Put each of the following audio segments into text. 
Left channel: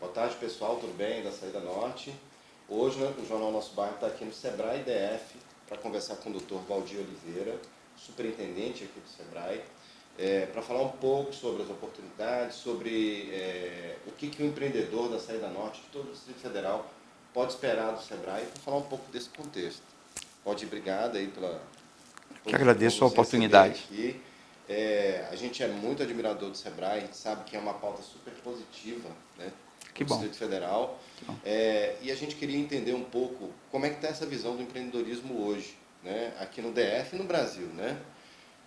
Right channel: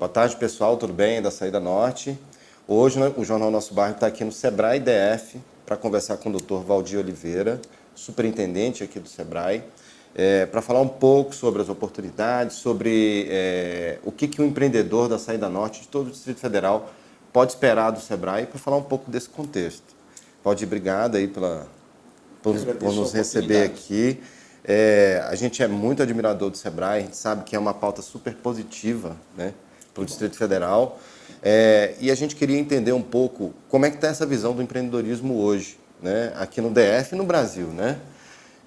Boa tarde, pessoal. Tudo bem? Da Saída Norte. Hoje o Jornal Nosso Bairro está aqui no Sebrae DF para conversar com o Dr. Valdir Oliveira, superintendente aqui do Sebrae, para falar um pouco sobre as oportunidades, sobre o que um empreendedor da Saída Norte de todo o Distrito Federal pode esperar do Sebrae, para falar um pouco desse contexto. Valdir, obrigado aí por nos receber aqui. A gente é muito admirador do Sebrae, a gente sabe que é uma pauta super positiva, né, para o Distrito Federal. E a gente queria entender um pouco como é que está essa visão do empreendedorismo hoje, né, aqui no DF e no Brasil, né?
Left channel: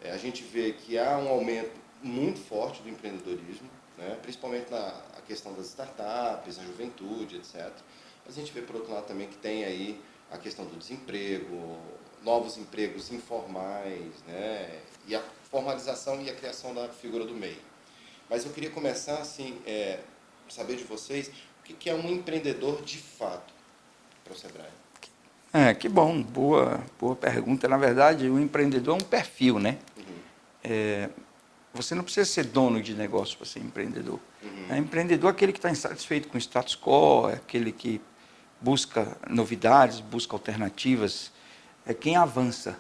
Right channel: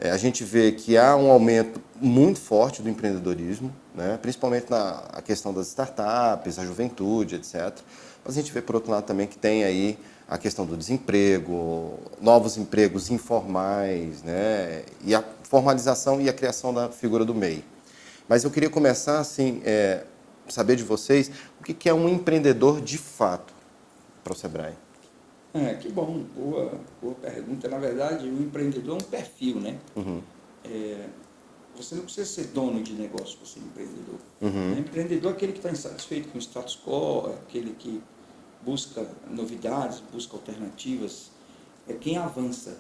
A gente vê que há um aumento muito forte do empreendedorismo, né, principalmente na questão das startups, a juventude, etc. Mas a gente vê, por outro lado, também que tem aí a questão do desemprego, novos empregos informais, né, e a formalização e a criação da figura do MEI. Mas eu queria começar, assim, saber de vocês o que é um empreendedor de fato para o Sebrae. Que bom, boa pergunta. Na verdade, o empreendedor é um perfil, né? Uhum. Você não precisa ser dono de negócio para ser empreendedor. Uhum. Empreendedor é aquele que está insatisfeito com o status quo, é aquele que busca novidades, busca alternativas, é quem avança.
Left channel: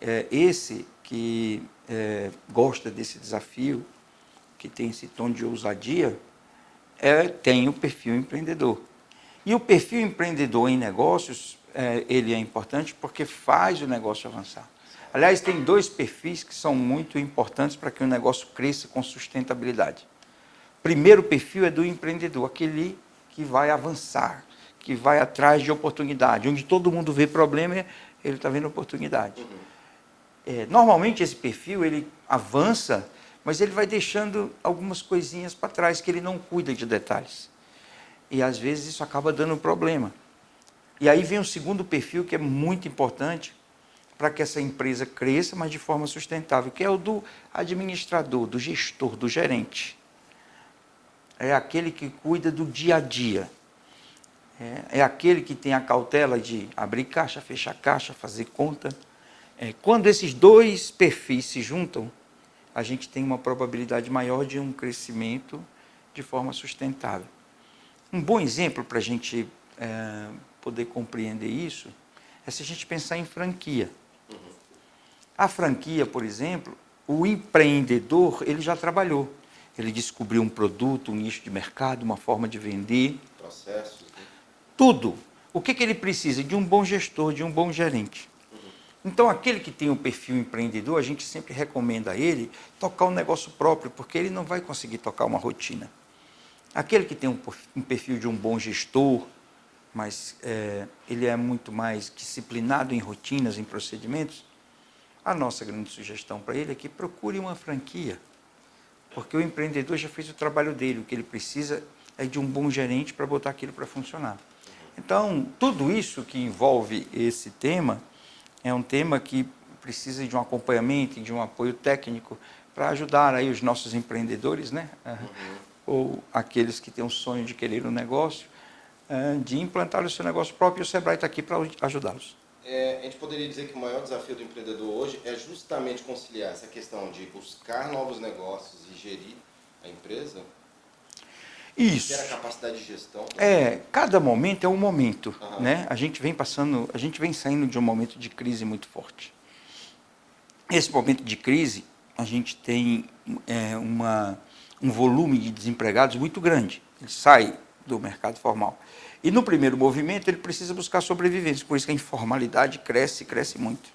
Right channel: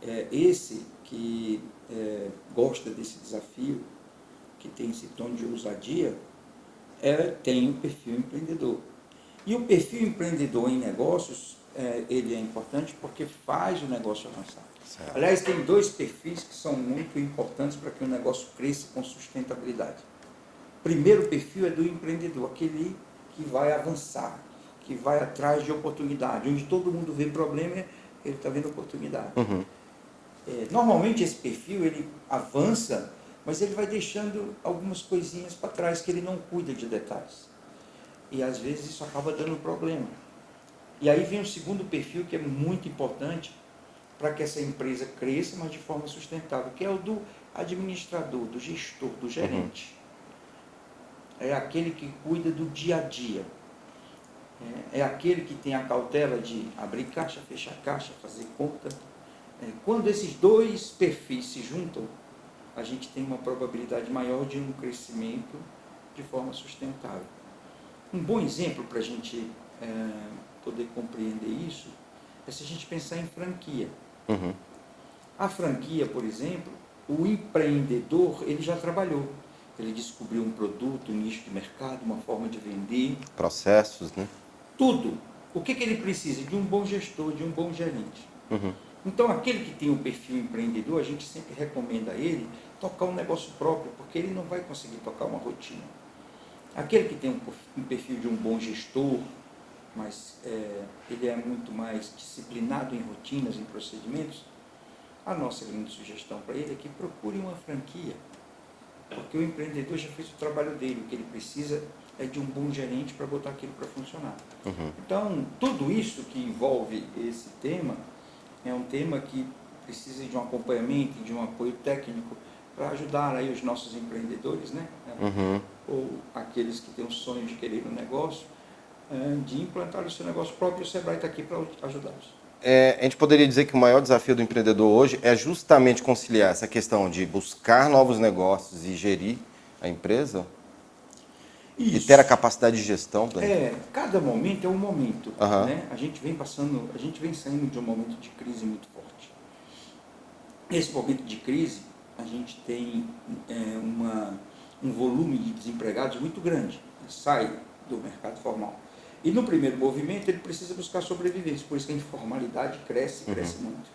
É esse que gosta desse desafio, que tem esse tom de ousadia, tem o perfil empreendedor. E o perfil empreendedor em negócios, ele é importante porque faz o negócio avançar. Certo. Aliás, tem dois perfis que são muito importantes para que o negócio cresça com sustentabilidade. Primeiro perfil é do empreendedor, aquele que vai avançar, que vai atrás de oportunidade. Onde todo mundo vê problema, ele está vendo oportunidade. Uhum. Normalmente esse perfil, ele avança, mas ele vai deixando algumas coisinhas para trás, que ele não cuida de detalhes. E às vezes isso acaba dando problema. E aí vem o segundo perfil, que é muito importante para que essa empresa cresça, mas de forma sustentável, que é o do administrador, do gestor, do gerente. É aquele que cuida do dia a dia. É aquele que tem a cautela de abrir caixa, fechar caixa, fazer conta. Quando esses dois perfis se juntam, a gente tem uma probabilidade maior de um crescimento de forma sustentável. Um bom exemplo para a gente poder compreender isso é se a gente pensar em franquia. Uhum. A franquia, por exemplo, o empreendedor, ele já trabalhou. Ele descobriu um produto, um nicho de mercado, uma forma de vender. Processos, né? Tudo. O que ele precisa? De um bom gestor, de um bom gerente. Uhum. Então, aquele que tem o perfil empreendedor, a gente sempre recomenda a ele tocar um negócio próprio, porque ele não vai conseguir tocar uma rotina. Aquele que tem um perfil de um bom gestor, mas ele é muito mais disciplinado em rotinas, em procedimentos, a nossa grande sugestão para ele é que procure uma franquia, porque o empreendedor já fez o trabalho dele, o que ele precisa é de um bom gerente para botar aquilo para funcionar. Uhum. Então, tudo isso que envolve esse tema é um tema que precisa de um acompanhamento, de um apoio técnico para ajudar aí os nossos empreendedores, né? Uhum. Ou aqueles que têm um sonho de querer um negócio, de implantar o seu negócio próprio, e o Sebrae está aqui para ajudá-los. A gente poderia dizer que o maior desafio do empreendedor hoje é justamente conciliar essa questão de buscar novos negócios e gerir a empresa? Isso. E ter a capacidade de gestão? Cada momento é um momento. Uhum. Né? A gente vem saindo de um momento de crise muito forte. Esse momento de crise, a gente tem um volume de desempregados muito grande. Ele sai do mercado formal. E no primeiro movimento ele precisa buscar sobrevivência, por isso que a informalidade cresce muito.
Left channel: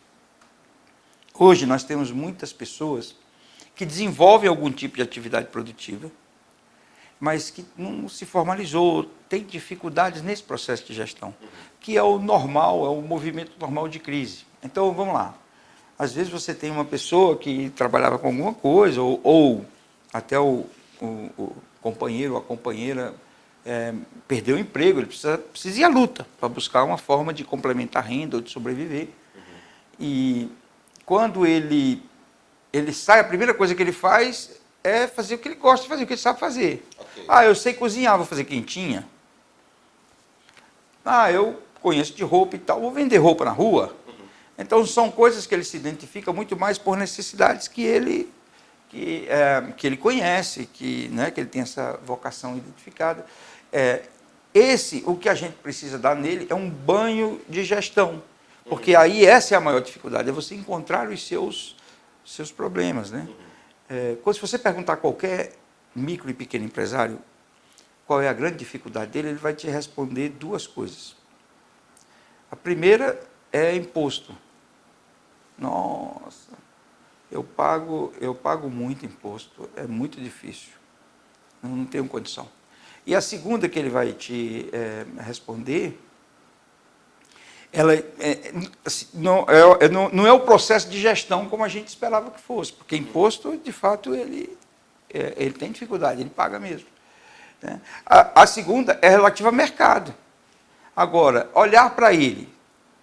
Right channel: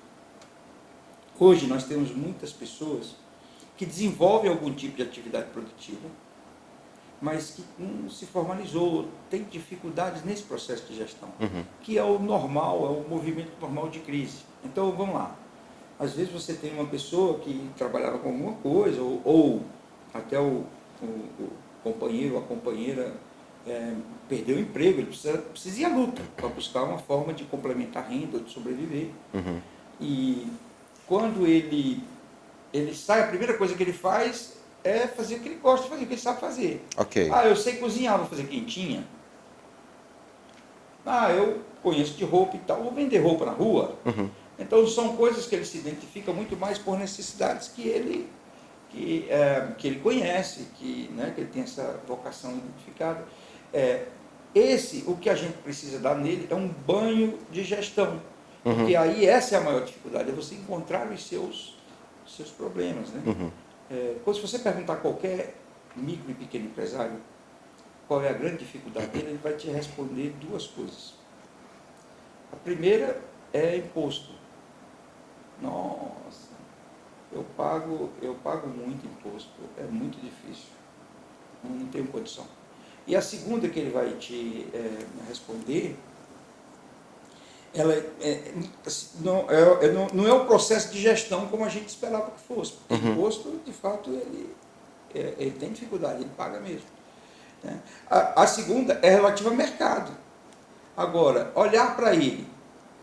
Hoje nós temos muitas pessoas que desenvolvem algum tipo de atividade produtiva, mas que não se formalizou, tem dificuldades nesse processo de gestão, que é o normal, é o movimento normal de crise. Então vamos lá, às vezes você tem uma pessoa que trabalhava com alguma coisa, ou até o companheiro ou a companheira perdeu o emprego, ele precisa ir à luta para buscar uma forma de complementar a renda ou de sobreviver. E quando ele sai, a primeira coisa que ele faz é fazer o que ele gosta de fazer, o que ele sabe fazer. Okay. Eu sei cozinhar, vou fazer quentinha. Eu conheço de roupa e tal, vou vender roupa na rua. Então são coisas que ele se identifica muito mais por necessidades que ele que ele conhece, que ele tem essa vocação identificada. O que a gente precisa dar nele é um banho de gestão, porque aí essa é a maior dificuldade, é você encontrar os seus problemas, né? Se você perguntar a qualquer micro e pequeno empresário qual é a grande dificuldade dele, ele vai te responder duas coisas. A primeira é imposto. Nossa, eu pago muito imposto, é muito difícil, eu não tenho condição. E a segunda que ele vai te responder, não é o processo de gestão como a gente esperava que fosse, porque imposto, de fato, ele tem dificuldade, ele paga mesmo. Né? A segunda é relativa ao mercado. Agora, olhar para ele,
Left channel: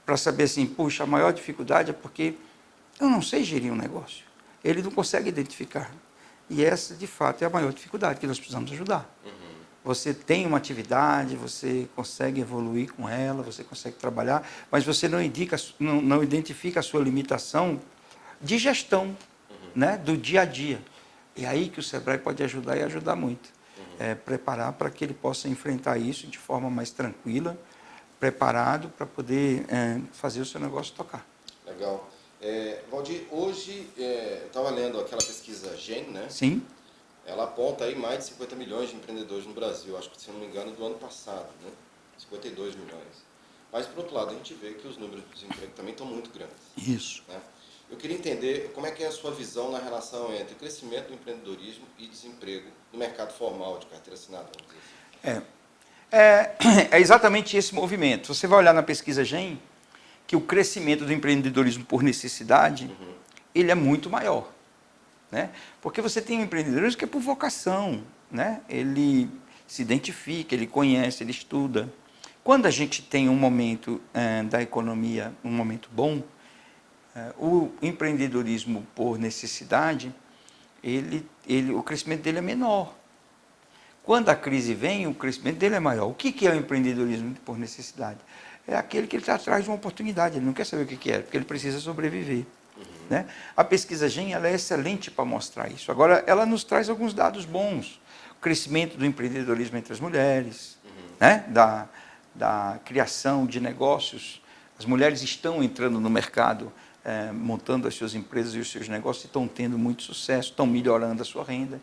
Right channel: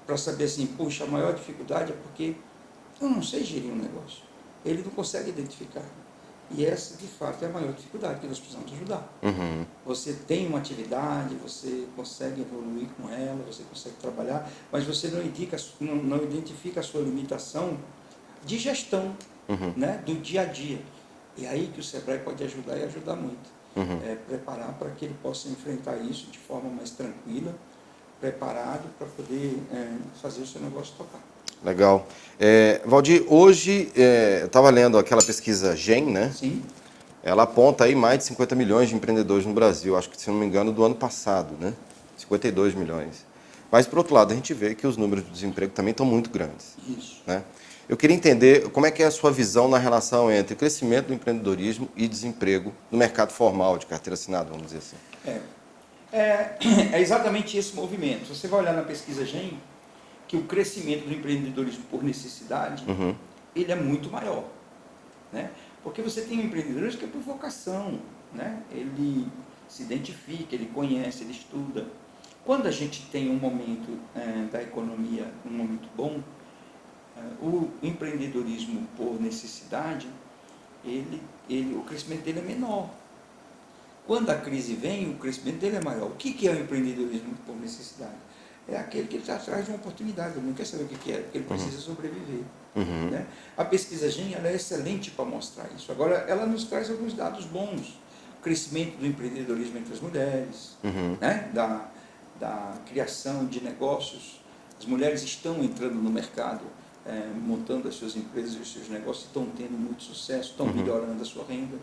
para saber assim, puxa, a maior dificuldade é porque eu não sei gerir um negócio. Ele não consegue identificar. E essa, de fato, é a maior dificuldade que nós precisamos ajudar. Você tem uma atividade, você consegue evoluir com ela, você consegue trabalhar, mas você não identifica a sua limitação de gestão, né, do dia a dia. É aí que o Sebrae pode ajudar e ajudar muito. Preparar para que ele possa enfrentar isso de forma mais tranquila, preparado para poder fazer o seu negócio tocar. Legal. Valdir, hoje eu estava lendo aquela pesquisa GEM, né? Sim. Ela aponta aí mais de 50 milhões de empreendedores no Brasil, acho que, se não me engano, do ano passado, né? 52 milhões. Mas, por outro lado, a gente vê que os números de desemprego também estão muito grandes. Isso. Né? Eu queria entender como é que é a sua visão na relação entre o crescimento do empreendedorismo e desemprego no mercado formal de carteira assinada, vamos dizer assim. É exatamente esse movimento. Você vai olhar na pesquisa GEM que o crescimento do empreendedorismo por necessidade, ele é muito maior. Né? Porque você tem um empreendedorismo que é por vocação. Né? Ele se identifica, ele conhece, ele estuda. Quando a gente tem um momento da economia, um momento bom, o empreendedorismo por necessidade, o crescimento dele é menor. Quando a crise vem, o crescimento dele é maior. O que é o empreendedorismo por necessidade? É aquele que ele está atrás de uma oportunidade, ele não quer saber o que é, porque ele precisa sobreviver. Né? A pesquisa GEM ela é excelente para mostrar isso. Agora, ela nos traz alguns dados bons. O crescimento do empreendedorismo entre as mulheres, né? da criação de negócios. As mulheres estão entrando no mercado, montando as suas empresas e os seus negócios, estão tendo muito sucesso, estão melhorando a sua renda.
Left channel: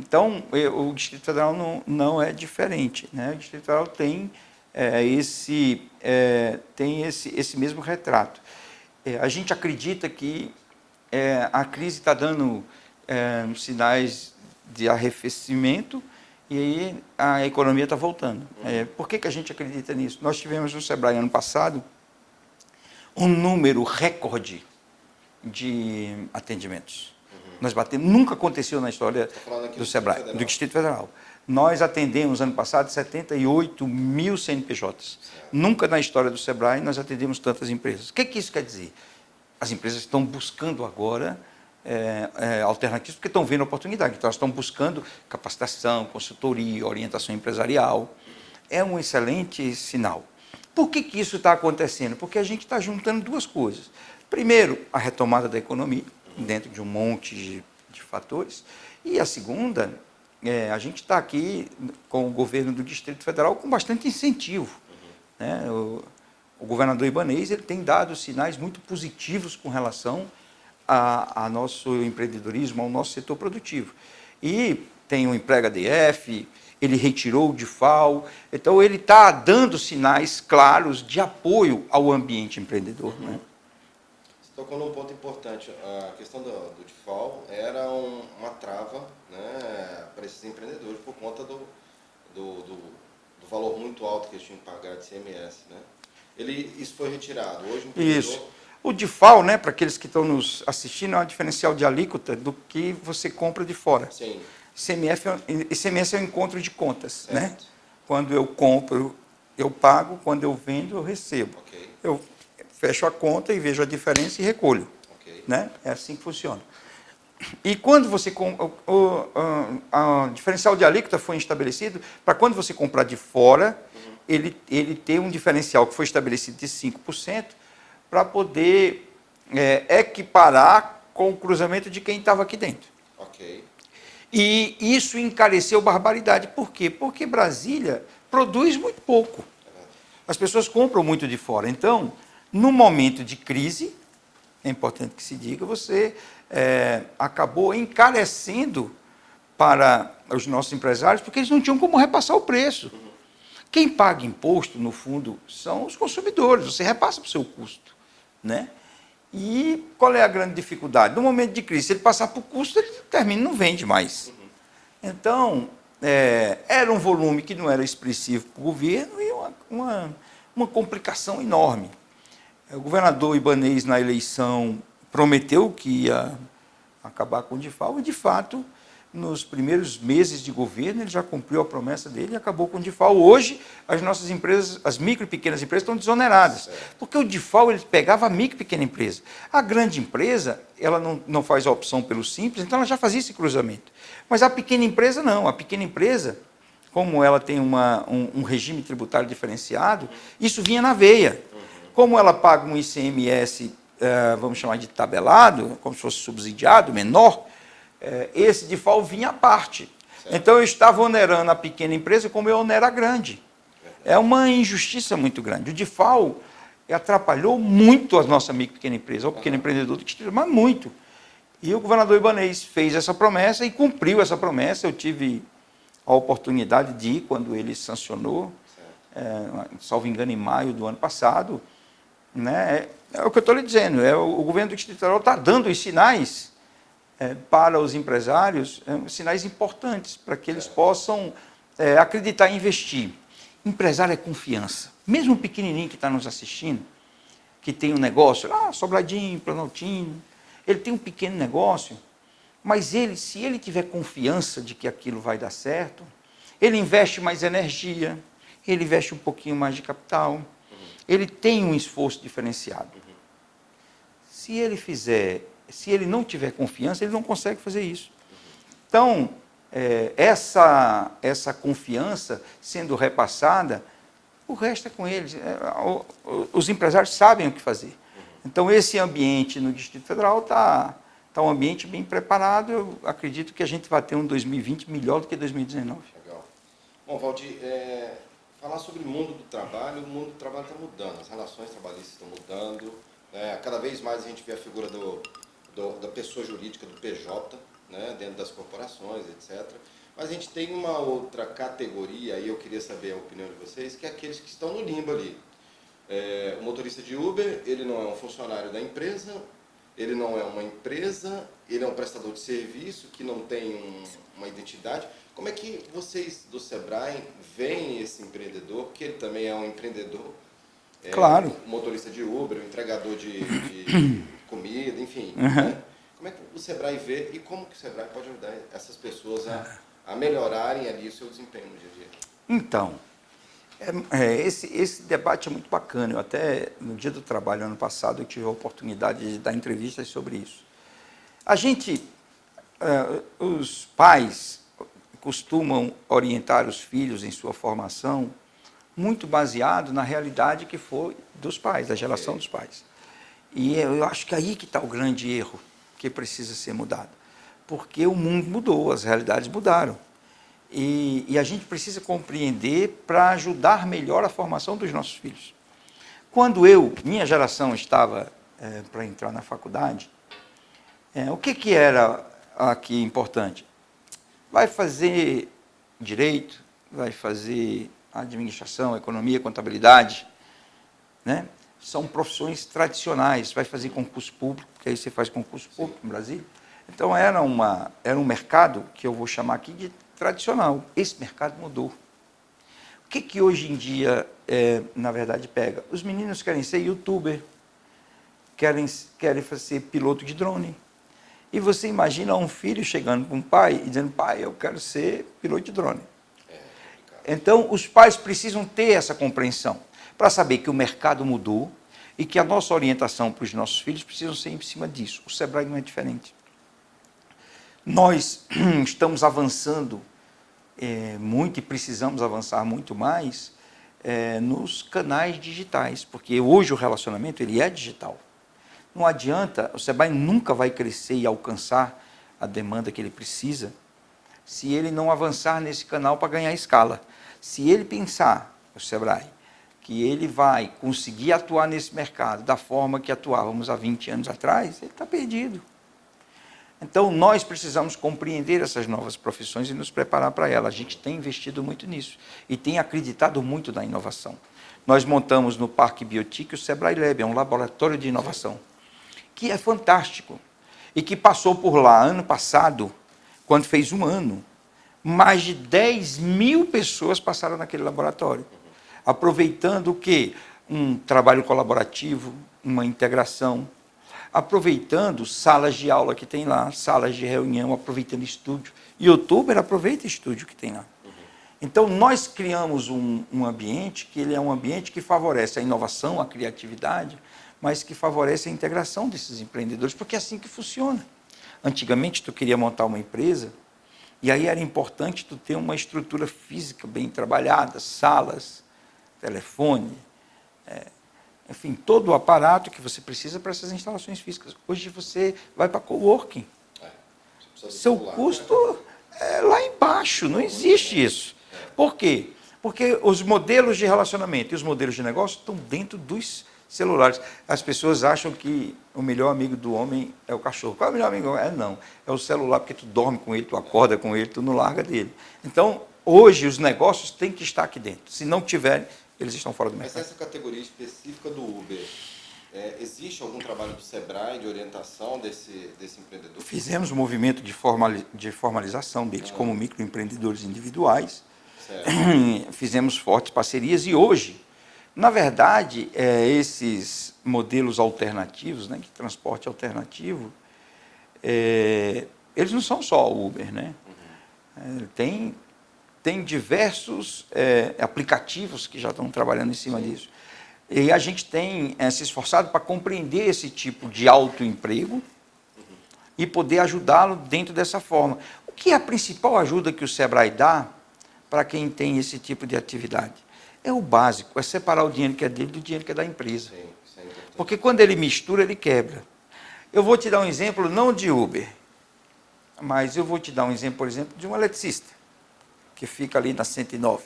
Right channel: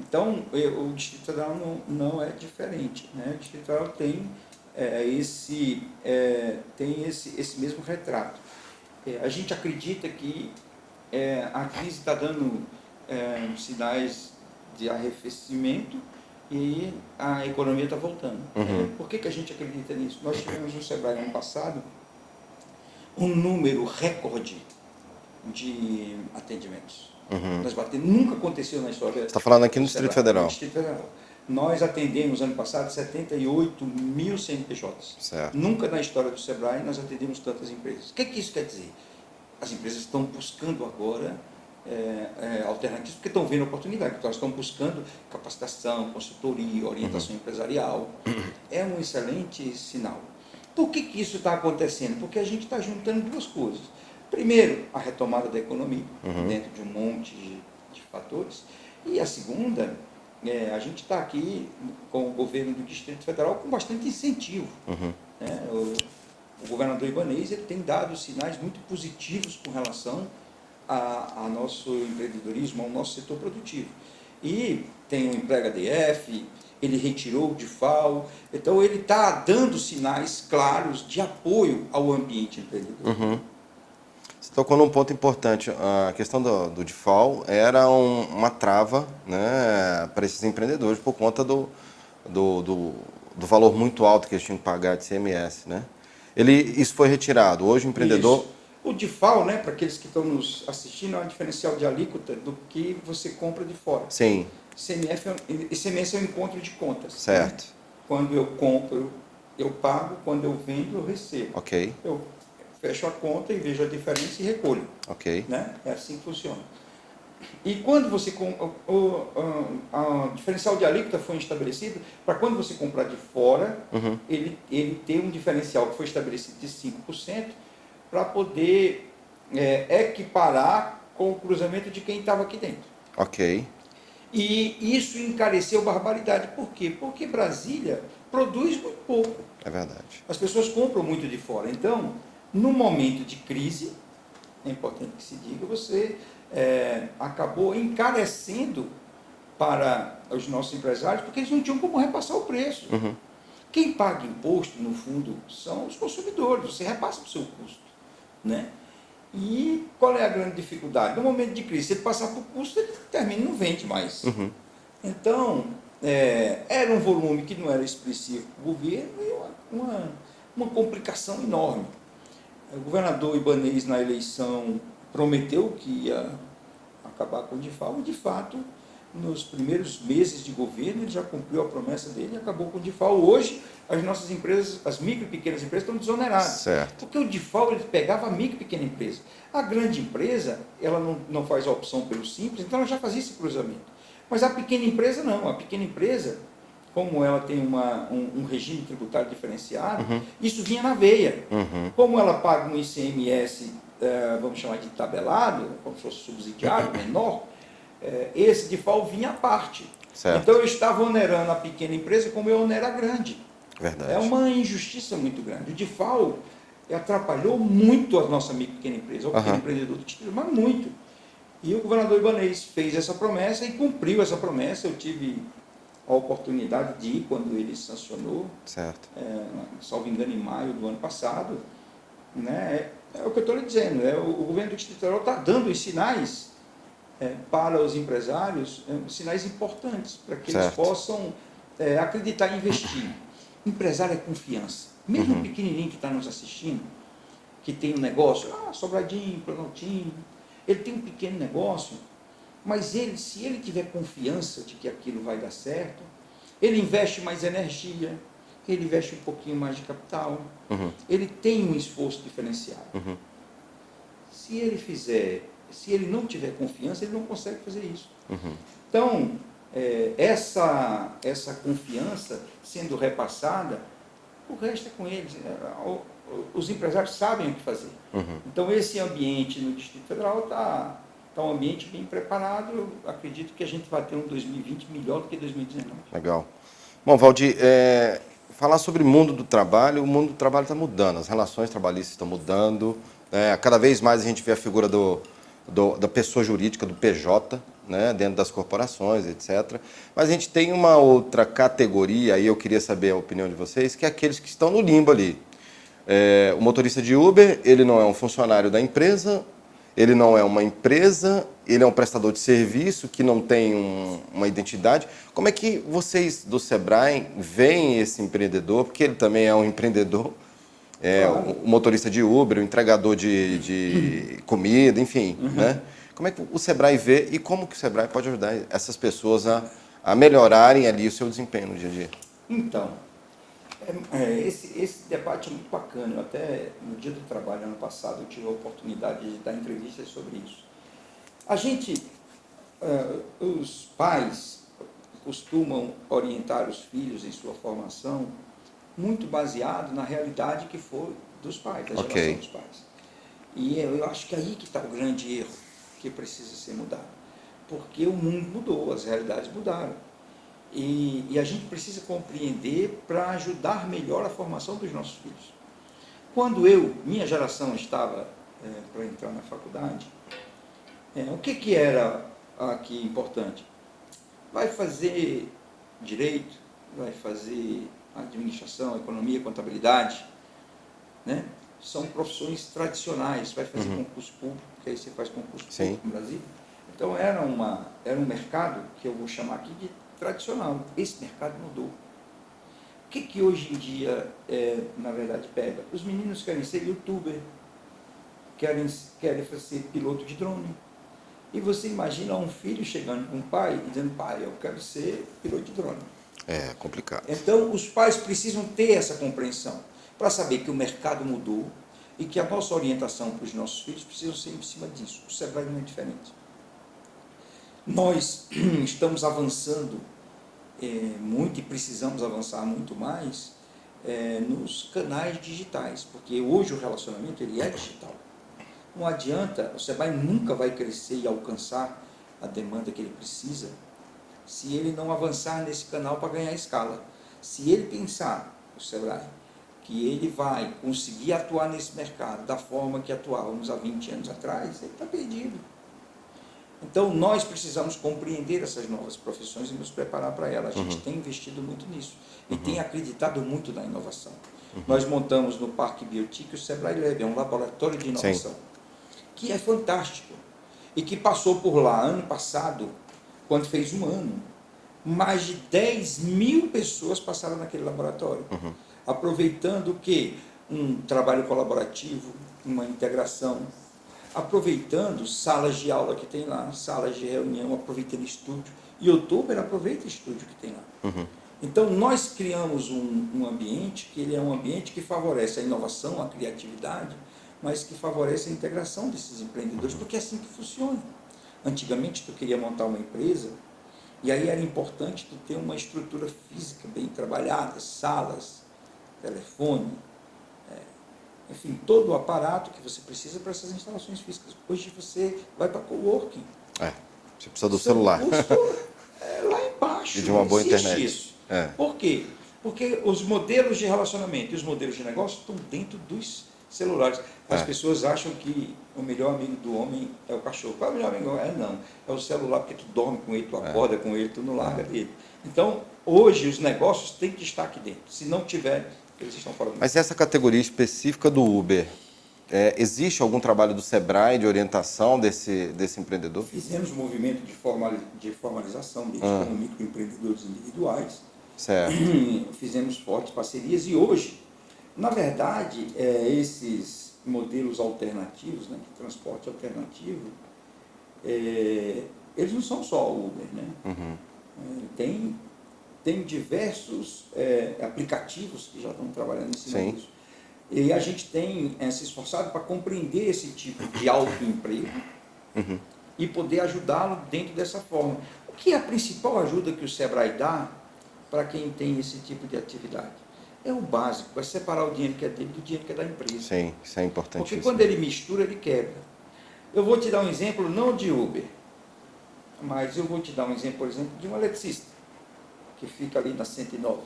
Então, o Distrito Federal não é diferente. Né? O Distrito Federal tem esse mesmo retrato. A gente acredita que a crise está dando sinais de arrefecimento e aí a economia está voltando. Por que a gente acredita nisso? Nós tivemos no Sebrae ano passado um número recorde de atendimentos. Nós batemos, nunca aconteceu na história. Você está falando aqui no Distrito Federal? No Distrito Federal. Nós atendemos, ano passado, 78 mil CNPJs. Certo. Nunca na história do Sebrae nós atendemos tantas empresas. O que isso quer dizer? As empresas estão buscando agora alternativas, porque estão vendo oportunidade. Então, elas estão buscando capacitação, consultoria, orientação empresarial. É um excelente sinal. Por que isso está acontecendo? Porque a gente está juntando duas coisas. Primeiro, a retomada da economia, dentro de um monte de fatores. E a segunda, a gente está aqui com o governo do Distrito Federal com bastante incentivo. Né? O governador Ibanez ele tem dado sinais muito positivos com relação ao nosso empreendedorismo, ao nosso setor produtivo. E tem o Emprega DF, ele retirou o DIFAL, então ele está dando sinais claros de apoio ao ambiente empreendedor. Você tocou num ponto importante. A questão do DIFAL era uma trava, né, para esses empreendedores por conta do valor muito alto que eles tinham que pagar de CMS. Né? Isso foi retirado. Hoje o empreendedor... Isso. O DIFAL, né, para aqueles que estão nos assistindo, é um diferencial de alíquota do que você compra de fora. Sim. ICMS é um encontro de contas. Certo. Né? Quando eu compro, eu pago. Quando eu vendo, eu recebo. Ok. Eu fecho a conta e vejo a diferença e recolho. Ok. Né? É assim que funciona. E quando você... O diferencial de alíquota foi estabelecido para quando você comprar de fora, ele ter um diferencial que foi estabelecido de 5%, para poder equiparar com o cruzamento de quem estava aqui dentro. Ok. E isso encareceu barbaridade. Por quê? Porque Brasília produz muito pouco. É verdade. As pessoas compram muito de fora. Então, no momento de crise, é importante que se diga, você acabou encarecendo para os nossos empresários, porque eles não tinham como repassar o preço. Uhum. Quem paga imposto, no fundo, são os consumidores. Você repassa para o seu custo, né? E qual é a grande dificuldade? No momento de crise, se ele passar por custo, ele termina, não vende mais. Uhum. Então, era um volume que não era expressivo para o governo e uma complicação enorme. O governador Ibanez, na eleição, prometeu que ia acabar com o DIFAL e, de fato, nos primeiros meses de governo, ele já cumpriu a promessa dele e acabou com o DIFAL. Hoje, as nossas empresas, as micro e pequenas empresas, estão desoneradas. Certo. Porque o DIFAL, ele pegava a micro e pequena empresa. A grande empresa, ela não faz a opção pelo simples, então ela já fazia esse cruzamento. Mas a pequena empresa, não. A pequena empresa, como ela tem um regime tributário diferenciado, isso vinha na veia. Como ela paga um ICMS, vamos chamar de tabelado, como se fosse subsidiado, menor, esse DIFAL vinha à parte. Certo. Então, eu estava onerando a pequena empresa como eu onero a grande. Verdade. É uma injustiça muito grande. O DIFAL atrapalhou muito a nossa micro e pequena empresa, o pequeno empreendedor do distrito, mas muito. E o governador Ibanez fez essa promessa e cumpriu essa promessa. Eu tive a oportunidade de ir quando ele sancionou, Certo. salvo engano, em maio do ano passado. Né? É o que eu estou lhe dizendo, o governo do Distrito Federal está dando os sinais para os empresários, sinais importantes, para que eles possam acreditar e investir. Empresário é confiança. Mesmo o pequenininho que está nos assistindo, que tem um negócio, Sobradinho, Planaltino, ele tem um pequeno negócio, mas se ele tiver confiança de que aquilo vai dar certo, ele investe mais energia, ele investe um pouquinho mais de capital, ele tem um esforço diferenciado. Se ele não tiver confiança, ele não consegue fazer isso. Então, essa confiança sendo repassada, o resto é com eles. Os empresários sabem o que fazer. Então, esse ambiente no Distrito Federal está um ambiente bem preparado. Eu acredito que a gente vai ter um 2020 melhor do que 2019. Legal. Bom, Valdir, falar sobre o mundo do trabalho está mudando, as relações trabalhistas estão mudando, cada vez mais a gente vê a figura da pessoa jurídica, do PJ, né, dentro das corporações, etc. Mas a gente tem uma outra categoria, aí eu queria saber a opinião de vocês, que é aqueles que estão no limbo ali. O motorista de Uber, ele não é um funcionário da empresa, ele não é uma empresa, ele é um prestador de serviço que não tem uma identidade. Como é que vocês do Sebrae veem esse empreendedor? Porque ele também é um empreendedor, Claro. o motorista de Uber, o entregador de comida, enfim. Né? Como é que o Sebrae vê e como que o Sebrae pode ajudar essas pessoas a melhorarem ali o seu desempenho no dia a dia? Então, esse debate é muito bacana. Eu até, no Dia do Trabalho, ano passado, eu tive a oportunidade de dar entrevistas sobre isso. Os pais costumam orientar os filhos em sua formação muito baseado na realidade que foi dos pais, da geração dos pais. E eu acho que aí que está o grande erro que precisa ser mudado. Porque o mundo mudou, as realidades mudaram. E a gente precisa compreender para ajudar melhor a formação dos nossos filhos. Quando minha geração estava para entrar na faculdade, o que era aqui importante? Vai fazer direito, vai fazer administração, economia, contabilidade, né? São profissões tradicionais. Vai fazer concurso público, porque aí você faz concurso público no Brasil. Então, era um mercado que eu vou chamar aqui de tradicional. Esse mercado mudou. O que hoje em dia, na verdade, pega? Os meninos querem ser youtuber, querem ser piloto de drone. E você imagina um filho chegando com um pai e dizendo, pai, eu quero ser piloto de drone. É complicado. Então, os pais precisam ter essa compreensão para saber que o mercado mudou e que a nossa orientação para os nossos filhos precisa ser em cima disso. O Sebrae não é diferente. Nós estamos avançando muito e precisamos avançar muito mais nos canais digitais, porque hoje o relacionamento ele é digital. Não adianta, o Sebrae nunca vai crescer e alcançar a demanda que ele precisa se ele não avançar nesse canal para ganhar escala. Se ele pensar, o Sebrae, que ele vai conseguir atuar nesse mercado da forma que atuávamos há 20 anos atrás, ele está perdido. Então, nós precisamos compreender essas novas profissões e nos preparar para elas. A gente tem investido muito nisso e tem acreditado muito na inovação. Nós montamos no Parque Biotic o Sebrae Lab, é um laboratório de inovação, que é fantástico e que passou por lá ano passado, quando fez um ano, mais de 10.000 pessoas passaram naquele laboratório, aproveitando o quê? Um trabalho colaborativo, uma integração, aproveitando salas de aula que tem lá, salas de reunião, aproveitando estúdio. YouTuber aproveita estúdio que tem lá. Então, nós criamos um ambiente que ele é um ambiente que favorece a inovação, a criatividade, mas que favorece a integração desses empreendedores, porque é assim que funciona. Antigamente, tu queria montar uma empresa, e aí era importante tu ter uma estrutura física bem trabalhada, salas, telefone, enfim, todo o aparato que você precisa para essas instalações físicas. Hoje você vai para coworking. Você precisa do Seu celular. custo é lá embaixo, não existe isso. Por quê? Porque os modelos de relacionamento e os modelos de negócio estão dentro dos celulares. As pessoas acham que o melhor amigo do homem é o cachorro. Qual é o melhor amigo? Não, é o celular, porque tu dorme com ele, tu acorda com ele, tu não larga dele. Então, hoje, os negócios têm que estar aqui dentro. Se não tiver, eles estão fora do mercado. Mas essa categoria específica do Uber, existe algum trabalho do Sebrae de orientação desse empreendedor? Fizemos um movimento de formalização deles como microempreendedores individuais. Certo. Fizemos fortes parcerias e hoje, na verdade, esses modelos alternativos, né, de transporte alternativo, eles não são só o Uber, né? Tem diversos aplicativos que já estão trabalhando em cima disso. E a gente tem se esforçado para compreender esse tipo de autoemprego e poder ajudá-lo dentro dessa forma. O que é a principal ajuda que o Sebrae dá para quem tem esse tipo de atividade? É o básico, é separar o dinheiro que é dele do dinheiro que é da empresa. Sim, isso é importante. Porque quando ele mistura, ele quebra. Eu vou te dar um exemplo, não de Uber, mas eu vou te dar um exemplo, por exemplo, de um eletricista, que fica ali na 109.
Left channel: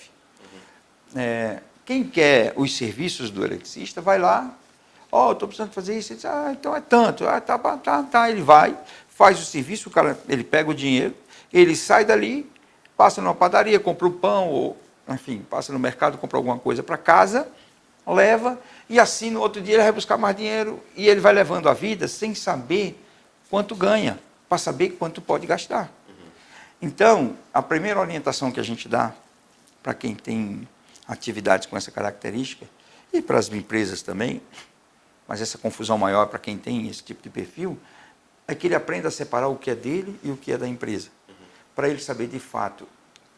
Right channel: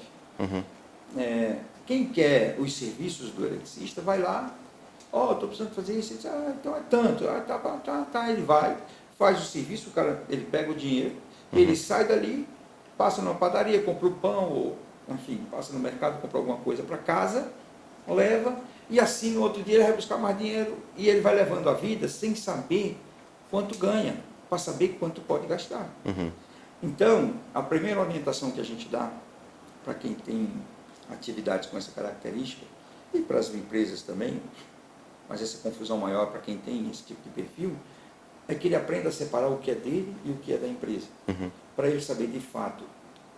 Quem quer os serviços do eletricista, vai lá, estou precisando fazer isso, ele diz, então é tanto, tá, ele vai, faz o serviço, o cara, ele pega o dinheiro, ele sai dali, passa numa padaria, compra o pão, ou, enfim, passa no mercado, compra alguma coisa para casa, leva, e assim no outro dia ele vai buscar mais dinheiro, e ele vai levando a vida sem saber quanto ganha, para saber quanto pode gastar. Então, a primeira orientação que a gente dá para quem tem atividades com essa característica, e para as empresas também, mas essa confusão maior para quem tem esse tipo de perfil, é que ele aprenda a separar o que é dele e o que é da empresa. Para ele saber de fato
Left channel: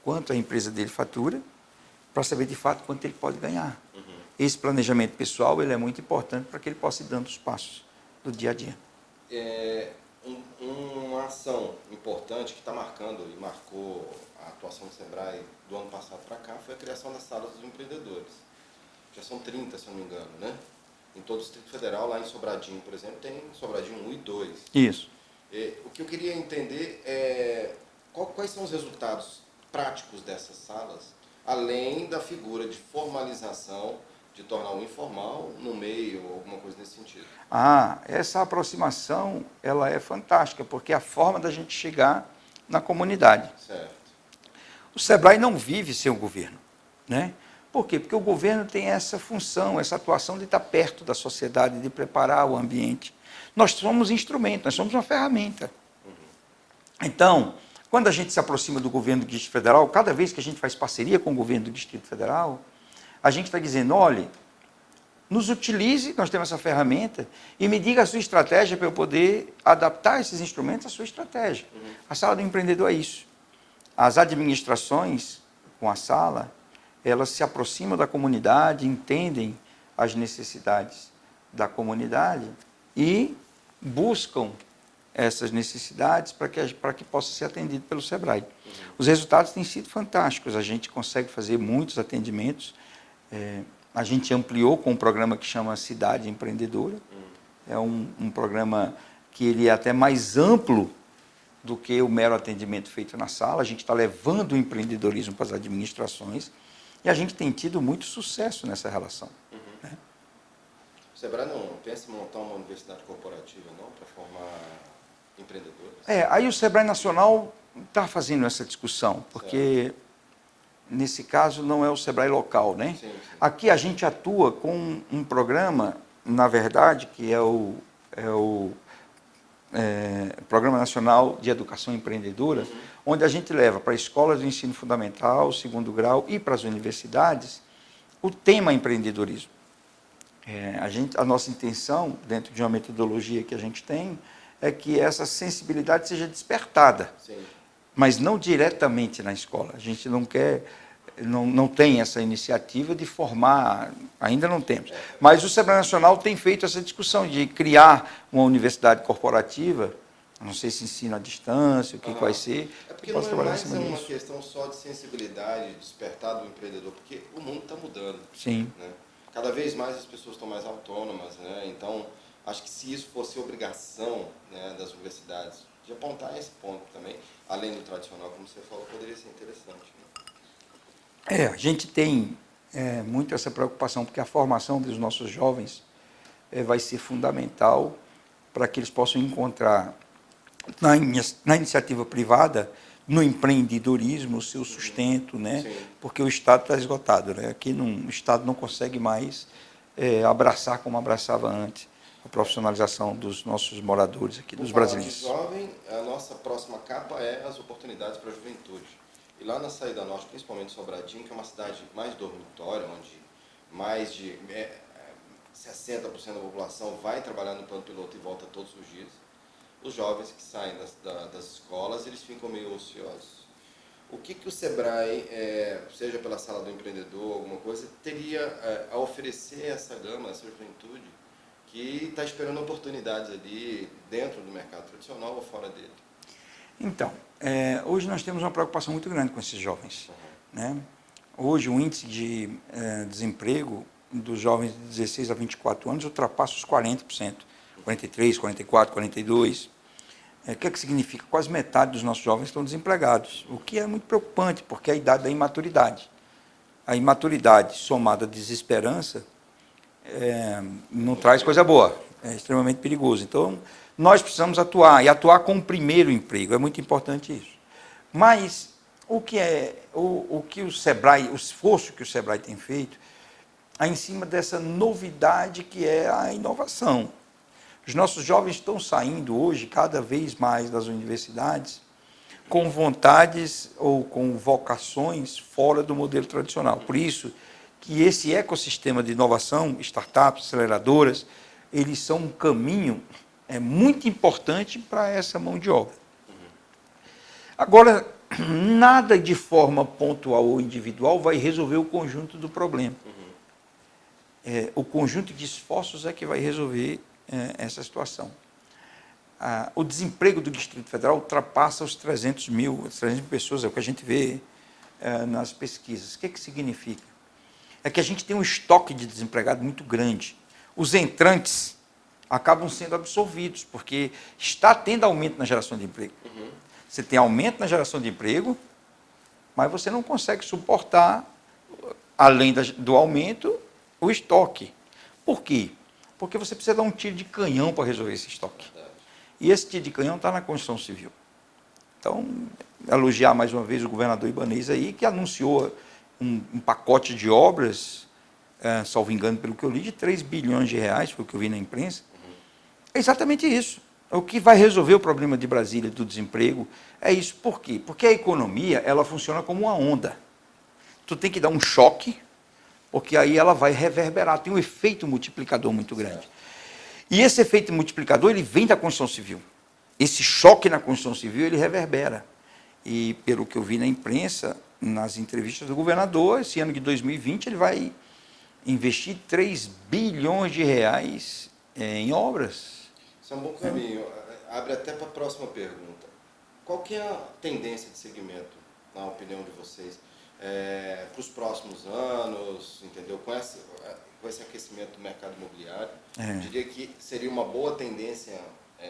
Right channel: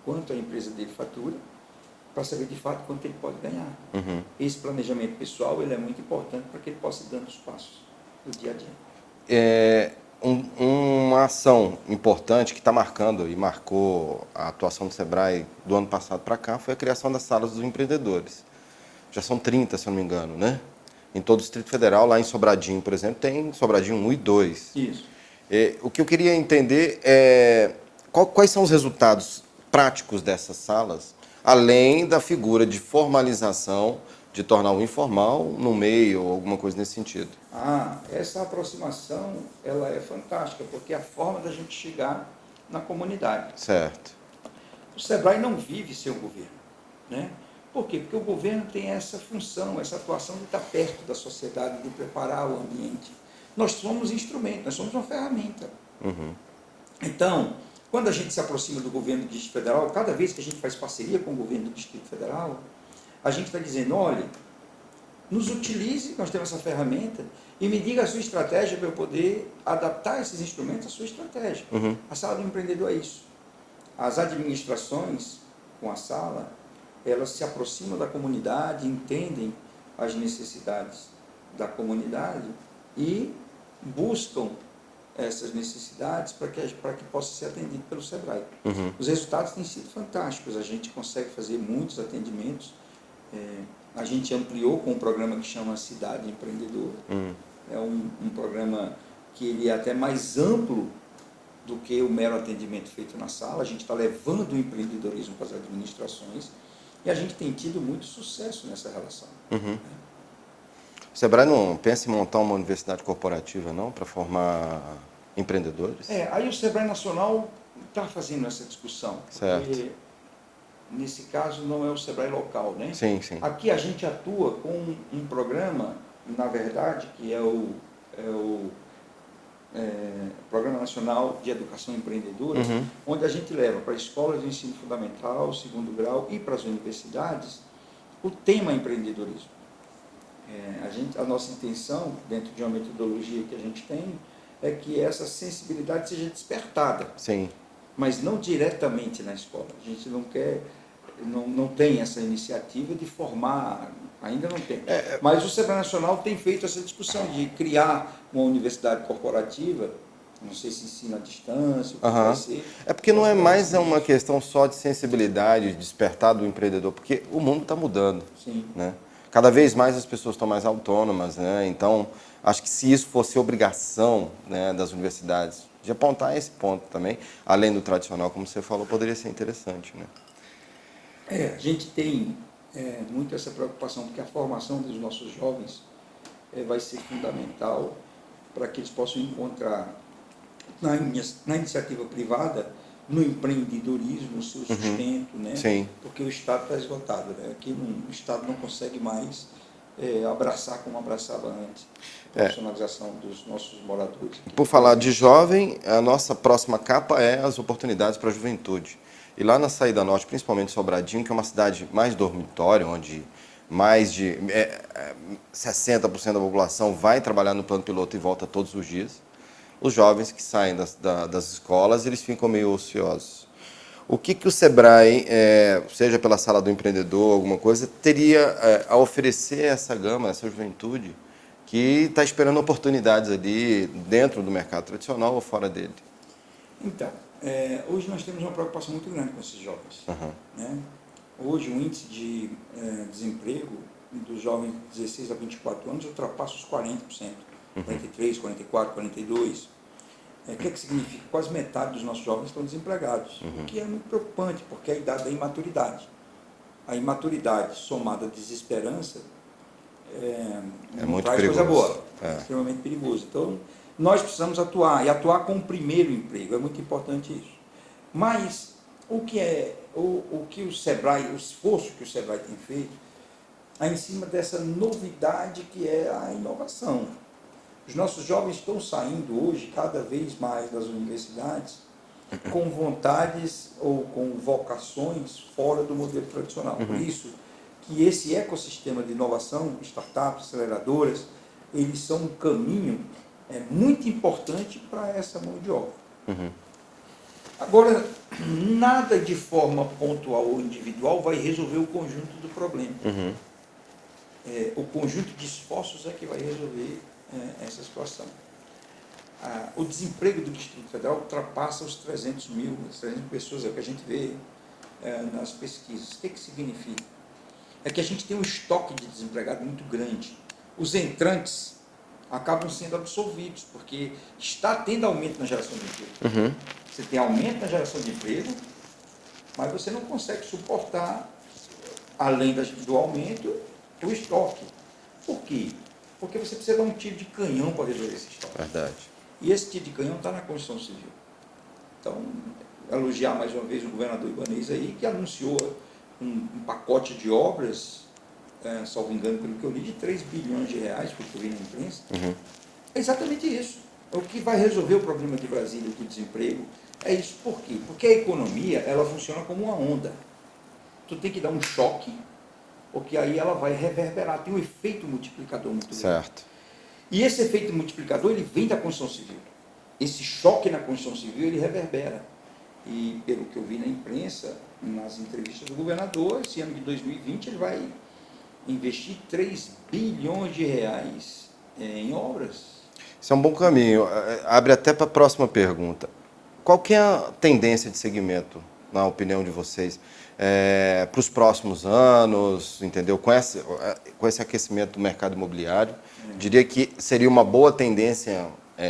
quanto a empresa dele fatura, para saber de fato quanto ele pode ganhar. Esse planejamento pessoal ele é muito importante para que ele possa ir dando os passos do dia a dia. Uma ação importante que está marcando e marcou a atuação do Sebrae do ano passado para cá foi a criação das salas dos empreendedores. Já são 30, se eu não me engano, né? Em todo o Distrito Federal, lá em Sobradinho, por exemplo, tem Sobradinho 1 e 2. Isso. O que eu queria entender é quais são os resultados práticos dessas salas, além da figura de formalização, de tornar o informal no meio, ou alguma coisa nesse sentido. Essa aproximação, ela é fantástica, porque é a forma da gente chegar na comunidade. Certo. O Sebrae não vive sem o governo, né? Por quê? Porque o governo tem essa função, essa atuação de estar perto da sociedade, de preparar o ambiente. Nós somos instrumento, nós somos uma ferramenta. Então, quando a gente se aproxima do governo do Distrito Federal, cada vez que a gente faz parceria com o governo do Distrito Federal, a gente está dizendo, olha, nos utilize, nós temos essa ferramenta, e me diga a sua estratégia para eu poder adaptar esses instrumentos à sua estratégia. A sala do empreendedor é isso. As administrações, com a sala, elas se aproximam da comunidade, entendem as necessidades da comunidade e buscam essas necessidades para que possa ser atendido pelo Sebrae. Os resultados têm sido fantásticos, a gente consegue fazer muitos atendimentos. A gente ampliou com um programa que chama Cidade Empreendedora, é um programa que ele é até mais amplo do que o mero atendimento feito na sala. A gente está levando o empreendedorismo para as administrações e a gente tem tido muito sucesso nessa relação. Uhum. Né? O Sebrae não pensa em montar uma universidade corporativa, não, para formar empreendedores? Aí o Sebrae Nacional está fazendo essa discussão, porque Certo. nesse caso não é o Sebrae local, né? Sim, sim. Aqui a gente atua com um programa, na verdade, que é o Programa Nacional de Educação Empreendedora, onde a gente leva para escolas de ensino fundamental, segundo grau e para as universidades o tema empreendedorismo. A nossa intenção, dentro de uma metodologia que a gente tem, é que essa sensibilidade seja despertada, Sim. mas não diretamente na escola. A gente não quer, não tem essa iniciativa de formar, ainda não temos. Mas o Sebrae Nacional tem feito essa discussão de criar uma universidade corporativa, não sei se ensino à distância, o que vai ser. É porque não é mais uma isso. questão só de sensibilidade, de despertar do empreendedor, porque o mundo está mudando. Sim. Né? Cada vez mais as pessoas estão mais autônomas, né? Então, acho que se isso fosse obrigação, né, das universidades, de apontar esse ponto também, além do tradicional, como você falou, poderia ser interessante. Né? A gente tem muito essa preocupação, porque a formação dos nossos jovens vai ser fundamental para que eles possam encontrar na iniciativa privada, no empreendedorismo, o seu sustento, né? Sim. Porque o Estado está esgotado. Né? Aqui o Estado não consegue mais abraçar como abraçava antes a profissionalização dos nossos moradores aqui. Por falar de jovem, a nossa próxima capa é as oportunidades para a juventude. E lá na Saída Norte, principalmente Sobradinho, que é uma cidade mais dormitório, onde mais de 60% da população vai trabalhar no plano piloto e volta todos os dias, os jovens que saem das escolas, eles ficam meio ociosos. O que o Sebrae, seja pela Sala do Empreendedor, alguma coisa, teria a oferecer a essa gama, essa juventude, que está esperando oportunidades ali dentro do mercado tradicional ou fora dele? Então, hoje nós temos uma preocupação muito grande com esses jovens. Né? Hoje o índice de desemprego dos jovens de 16 a 24 anos ultrapassa os 40%. 43, 44, 42. O que significa? Quase metade dos nossos jovens estão desempregados, o que é muito preocupante, porque é a idade da imaturidade. A imaturidade somada à desesperança não traz coisa boa, é extremamente perigoso. Então, nós precisamos atuar, e atuar com o primeiro emprego, é muito importante isso. Mas, o que o Sebrae, o esforço que o Sebrae tem feito, é em cima dessa novidade que é a inovação. Os nossos jovens estão saindo hoje cada vez mais das universidades com vontades ou com vocações fora do modelo tradicional. Por isso que esse ecossistema de inovação, startups, aceleradoras, eles são um caminho muito importante para essa mão de obra. Agora, nada de forma pontual ou individual vai resolver o conjunto do problema. O conjunto de esforços é que vai resolver essa situação. O desemprego do Distrito Federal ultrapassa os 300 mil pessoas, é o que a gente vê nas pesquisas. O que significa? É que a gente tem um estoque de desempregado muito grande. Os entrantes acabam sendo absorvidos, porque está tendo aumento na geração de emprego. Você tem aumento na geração de emprego, mas você não consegue suportar, além do aumento, o estoque. Por quê? Porque você precisa dar um tiro de canhão para resolver esse estoque. Verdade. E esse tiro de canhão está na Constituição Civil. Então, elogiar mais uma vez o governador Ibanez aí, que anunciou um pacote de obras, salvo engano, pelo que eu li, de 3 bilhões de reais, foi o que eu vi na imprensa. É exatamente isso. O que vai resolver o problema de Brasília do desemprego é isso. Por quê? Porque a economia, ela funciona como uma onda. Tu tem que dar um choque, porque aí ela vai reverberar, tem um efeito multiplicador muito grande. Certo. E esse efeito multiplicador, ele vem da Constituição Civil. Esse choque na Constituição Civil, ele reverbera. E, pelo que eu vi na imprensa, nas entrevistas do governador, esse ano de 2020, ele vai investir 3 bilhões de reais em obras. Isso é um bom caminho. Abre até para a próxima pergunta. Qual que é a tendência de segmento, na opinião de vocês? para os próximos anos, entendeu? Com esse aquecimento do mercado imobiliário, diria que seria uma boa tendência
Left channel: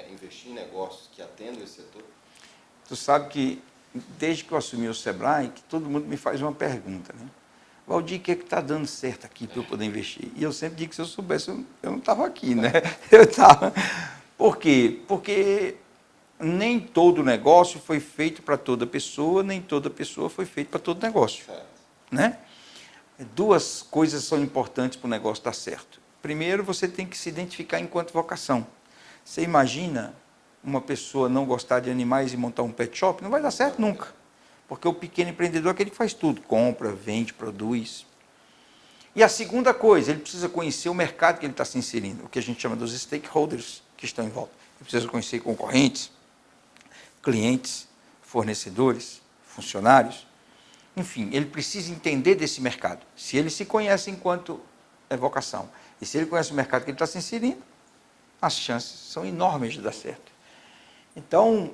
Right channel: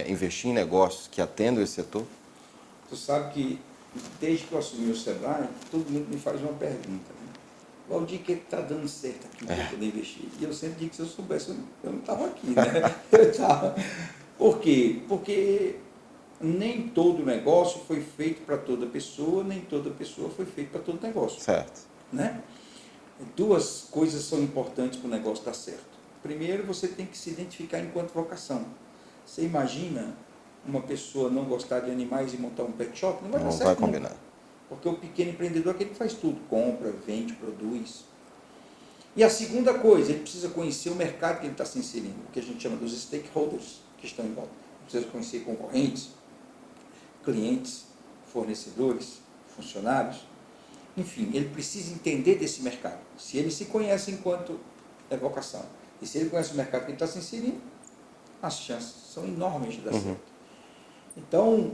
investir em negócios que atendam esse setor? Tu sabe que, desde que eu assumi o Sebrae, que todo mundo me faz uma pergunta, né? Valdir, o que está dando certo aqui para eu poder investir? E eu sempre digo que se eu soubesse, eu não estava aqui, né? Eu estava... Por quê? Porque nem todo negócio foi feito para toda pessoa, nem toda pessoa foi feita para todo negócio. Certo. Né? Duas coisas são importantes para o negócio dar certo. Primeiro, você tem que se identificar enquanto vocação. Você imagina uma pessoa não gostar de animais e montar um pet shop? Não vai dar certo nunca. Porque o pequeno empreendedor é aquele que faz tudo. Compra, vende, produz. E a segunda coisa, ele precisa conhecer o mercado que ele está se inserindo. O que a gente chama dos stakeholders que estão em volta. Ele precisa conhecer concorrentes, clientes, fornecedores, funcionários. Enfim, ele precisa entender desse mercado. Se ele se conhece enquanto vocação, e se ele conhece o mercado que ele está se inserindo, as chances são enormes de dar certo. Então,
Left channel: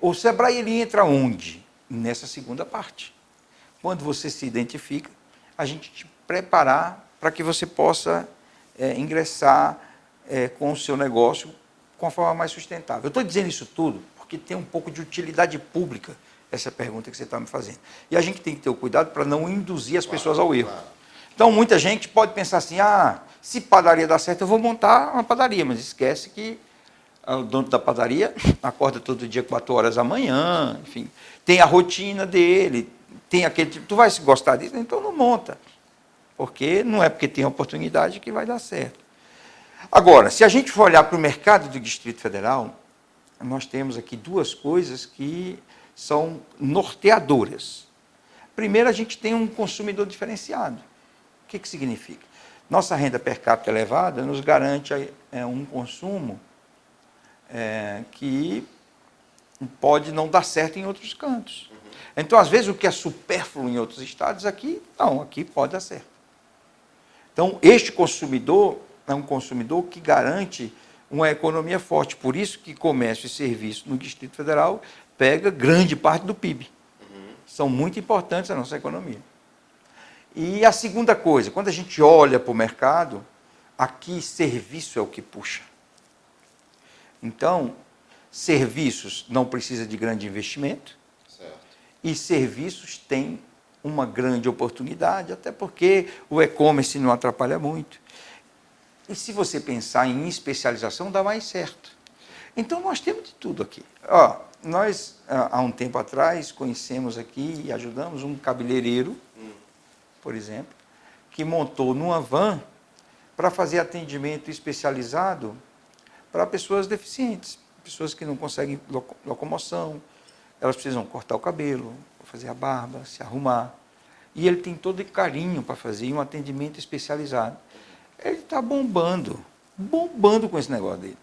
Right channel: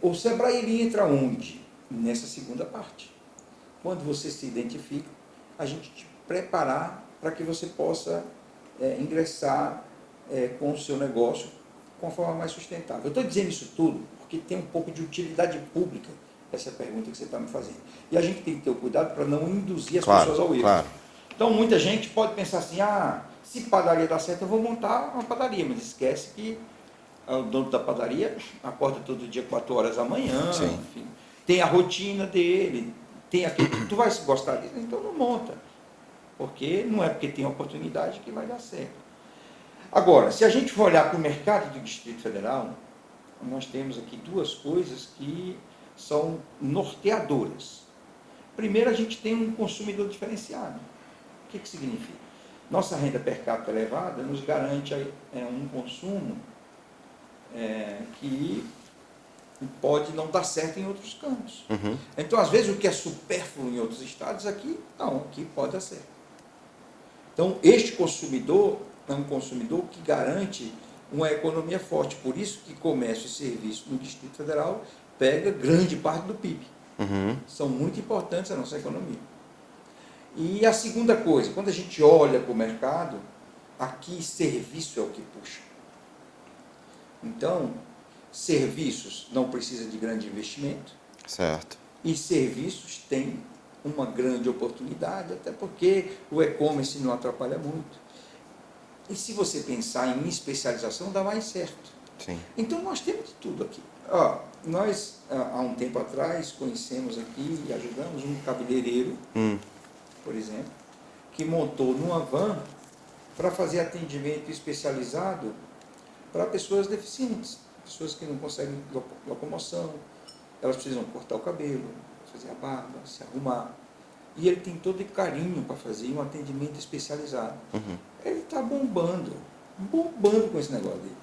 o Sebrae ele entra onde? Nessa segunda parte. Quando você se identifica, a gente te preparar para que você possa ingressar com o seu negócio com a forma mais sustentável. Eu estou dizendo isso tudo porque tem um pouco de utilidade pública essa pergunta que você está me fazendo. E a gente tem que ter o cuidado para não induzir as pessoas ao erro. Claro. Então, muita gente pode pensar assim, se padaria dá certo, eu vou montar uma padaria, mas esquece que o dono da padaria acorda todo dia 4 horas da manhã, enfim, tem a rotina dele, tem aquele... Tu vai gostar disso? Então não monta, porque não é porque tem oportunidade que vai dar certo. Agora, se a gente for olhar para o mercado do Distrito Federal, nós temos aqui duas coisas que são norteadoras. Primeiro, a gente tem um consumidor diferenciado. O que significa? Nossa renda per capita elevada nos garante um consumo que pode não dar certo em outros cantos. Então, às vezes, o que é supérfluo em outros estados, aqui pode dar certo. Então, este consumidor é um consumidor que garante uma economia forte. Por isso que comércio e serviço no Distrito Federal pega grande parte do PIB. São muito importantes à nossa economia. E a segunda coisa, quando a gente olha para o mercado, aqui serviço é o que puxa. Então, serviços não precisa de grande investimento. Certo. E serviços têm uma grande oportunidade, até porque o e-commerce não atrapalha muito. E se você pensar em especialização, dá mais certo. Sim. Então, nós temos de tudo aqui. Nós, há um tempo atrás, conhecemos aqui e ajudamos um cabeleireiro, por exemplo, que montou numa van para fazer atendimento especializado para pessoas deficientes, pessoas que não conseguem locomoção, elas precisam cortar o cabelo, fazer a barba, se arrumar. E ele tem todo carinho para fazer um atendimento especializado. Ele está bombando com esse negócio dele.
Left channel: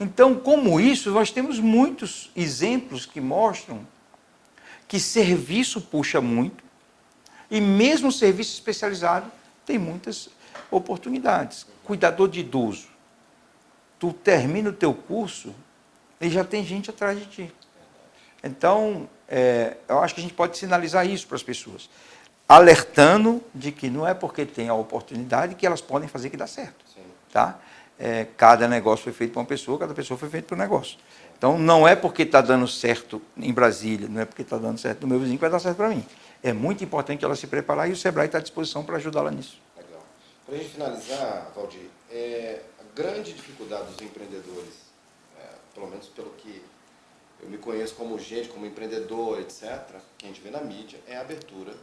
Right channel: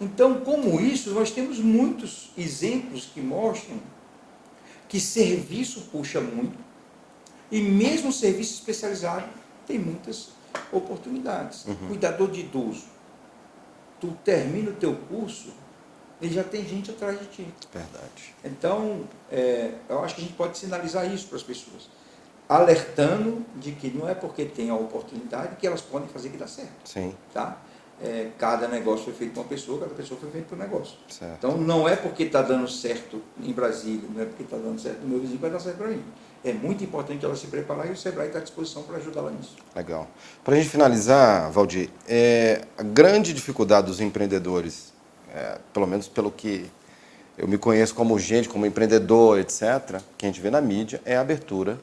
Então, como isso, nós temos muitos exemplos que mostram que serviço puxa muito e mesmo serviço especializado tem muitas oportunidades. Cuidador de idoso. Tu termina o teu curso e já tem gente atrás de ti. Verdade. Então, eu acho que a gente pode sinalizar isso para as pessoas, alertando de que não é porque tem a oportunidade que elas podem fazer que dá certo. Sim. Tá? Cada negócio foi feito para uma pessoa, cada pessoa foi feita para um negócio. Certo. Então, não é porque está dando certo em Brasília, não é porque está dando certo no meu vizinho que vai dar certo para mim. É muito importante ela se preparar e o Sebrae está à disposição para ajudá-la nisso. Legal. Para a gente finalizar, Valdir, a grande dificuldade dos empreendedores, pelo menos pelo que eu me conheço como gente, como empreendedor, etc., que a gente vê na mídia, é a abertura,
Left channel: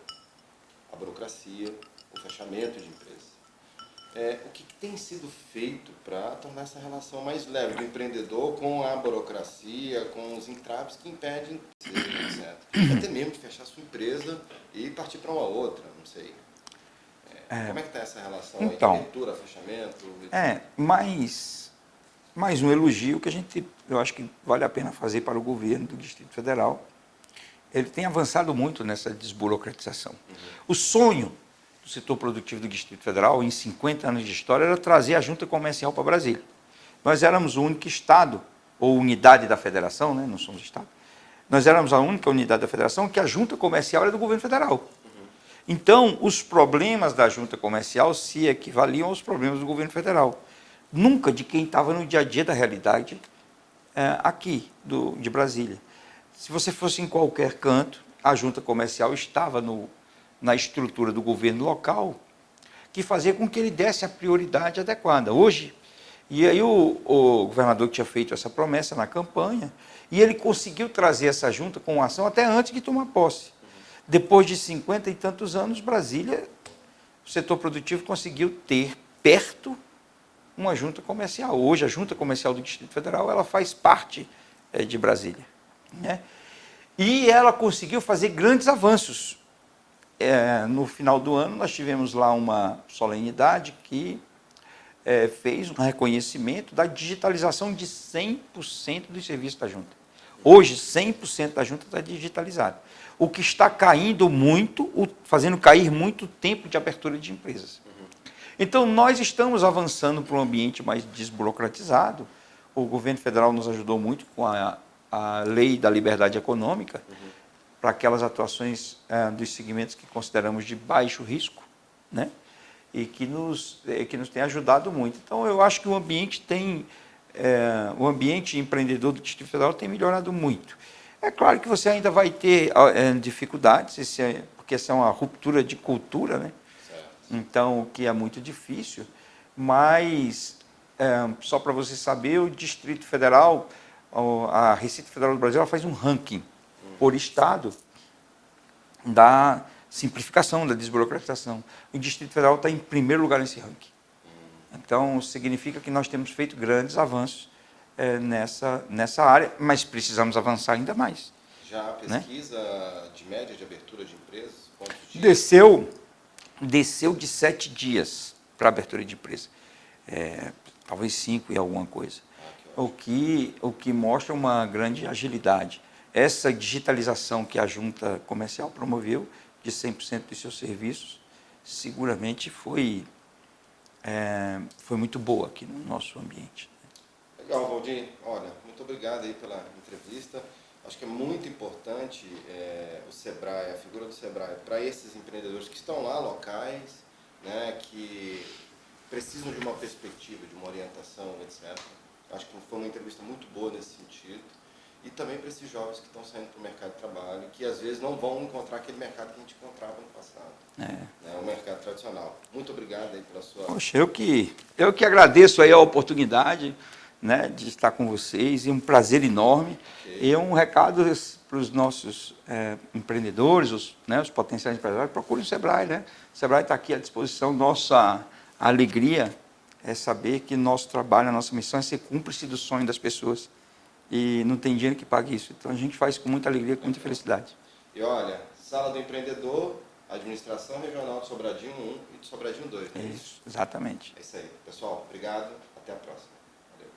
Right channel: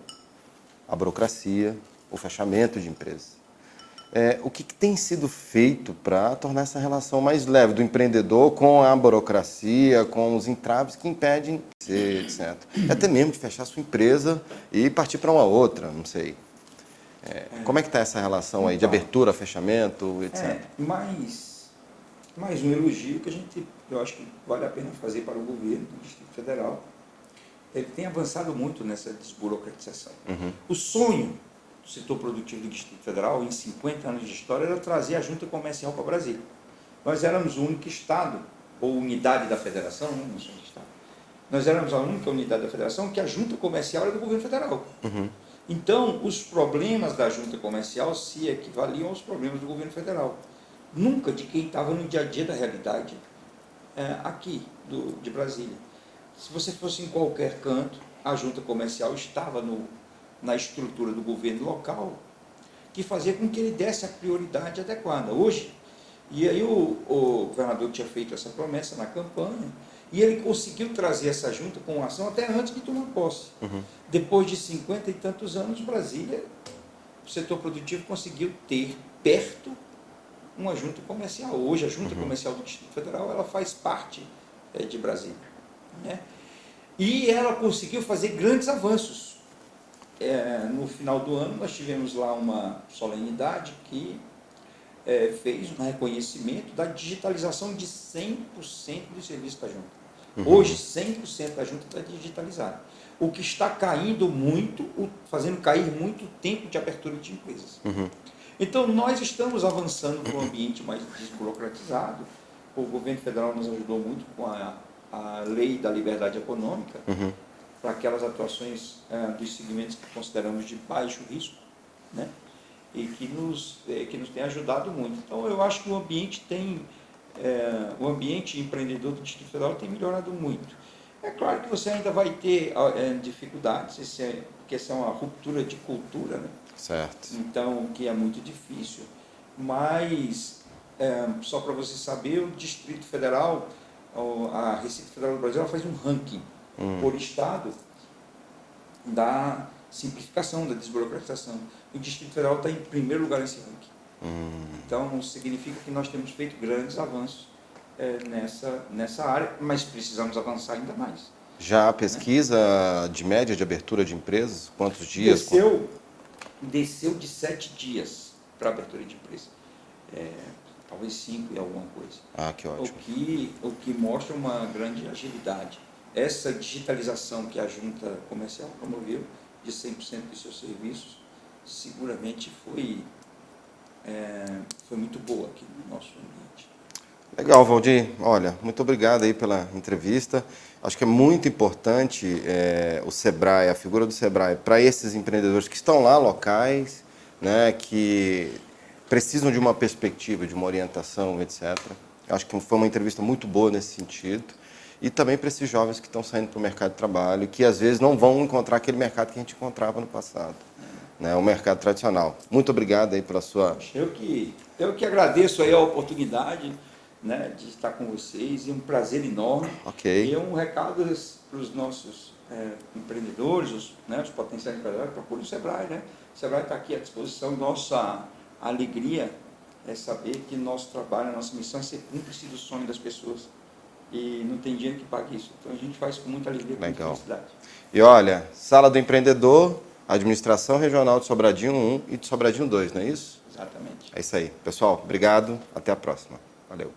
a burocracia, o fechamento de empresas. O que tem sido feito para tornar essa relação mais leve do empreendedor com a burocracia, com os entraves que impedem, etc. Até mesmo de fechar sua empresa e partir para uma outra, não sei. Como é que está essa relação aí de abertura, fechamento, etc.? Mais um elogio que eu acho que vale a pena fazer para o governo do Distrito Federal. Ele tem avançado muito nessa desburocratização. O sonho do setor produtivo do Distrito Federal, em 50 anos de história, era trazer a junta comercial para Brasília. Nós éramos o único estado, ou unidade da federação, né? Não somos estado, Nós éramos a única unidade da federação que a junta comercial era do governo federal. Então, os problemas da junta comercial se equivaliam aos problemas do governo federal. Nunca de quem estava no dia a dia da realidade aqui, de Brasília. Se você fosse em qualquer canto, a junta comercial estava na estrutura do governo local, que fazia com que ele desse a prioridade adequada. Hoje, e aí o governador tinha feito essa promessa na campanha, e ele conseguiu trazer essa junta com ação até antes de tomar posse. Depois de 50 e tantos anos, Brasília, o setor produtivo conseguiu ter perto uma junta comercial. Hoje, a junta comercial do Distrito Federal, ela faz parte de Brasília, né? E ela conseguiu fazer grandes avanços. No final do ano, nós tivemos lá uma solenidade que fez um reconhecimento da digitalização de 100% dos serviços da junta. Hoje, 100% da junta está digitalizada. O que está caindo muito, fazendo cair muito o tempo de abertura de empresas. Então, nós estamos avançando para um ambiente mais desburocratizado. O governo federal nos ajudou muito com a lei da liberdade econômica, para aquelas atuações dos segmentos que consideramos de baixo risco, né? E que nos tem ajudado muito. Então, eu acho que o ambiente empreendedor do Distrito Federal tem melhorado muito. É claro que você ainda vai ter dificuldades, porque essa é uma ruptura de cultura, né? Certo. Então, que é muito difícil, mas, só para você saber, o Distrito Federal, a Receita Federal do Brasil, ela faz um ranking por estado da simplificação, da desburocratização. O Distrito Federal está em primeiro lugar nesse ranking. Então, significa que nós temos feito grandes avanços nessa área, mas precisamos avançar ainda mais. Já a pesquisa, né, de média de abertura de empresas, quantos dias? Desceu de 7 dias para abertura de empresa. Talvez 5 e alguma coisa. Que ótimo. O que mostra uma grande agilidade. Essa digitalização que a junta comercial promoveu, de 100% dos seus serviços, seguramente foi muito boa aqui no nosso ambiente. Legal, Valdir. Olha, muito obrigado aí pela entrevista. Acho que é muito importante o Sebrae, a figura do Sebrae, para esses empreendedores que estão lá locais, né, que precisam de uma perspectiva, de uma orientação, etc. Acho que foi uma entrevista muito boa nesse sentido. E também para esses jovens que estão saindo para o mercado de trabalho e que, às vezes, não vão encontrar aquele mercado que a gente encontrava no passado, né, o mercado tradicional. Muito obrigado aí pela sua... Poxa, eu que agradeço aí a oportunidade, né, de estar com vocês, e um prazer enorme. Ok. E um recado para os nossos empreendedores, os potenciais empresários: procurem o Sebrae, né? O Sebrae está aqui à disposição. Nossa alegria é saber que nosso trabalho, a nossa missão é ser cúmplice do sonho das pessoas. E não tem dinheiro que pague isso. Então, a gente faz com muita alegria, com muita felicidade. E olha, Sala do Empreendedor, Administração Regional de Sobradinho 1 e de Sobradinho 2, não é isso? Exatamente. É isso aí. Pessoal, obrigado. Até a próxima. Valeu.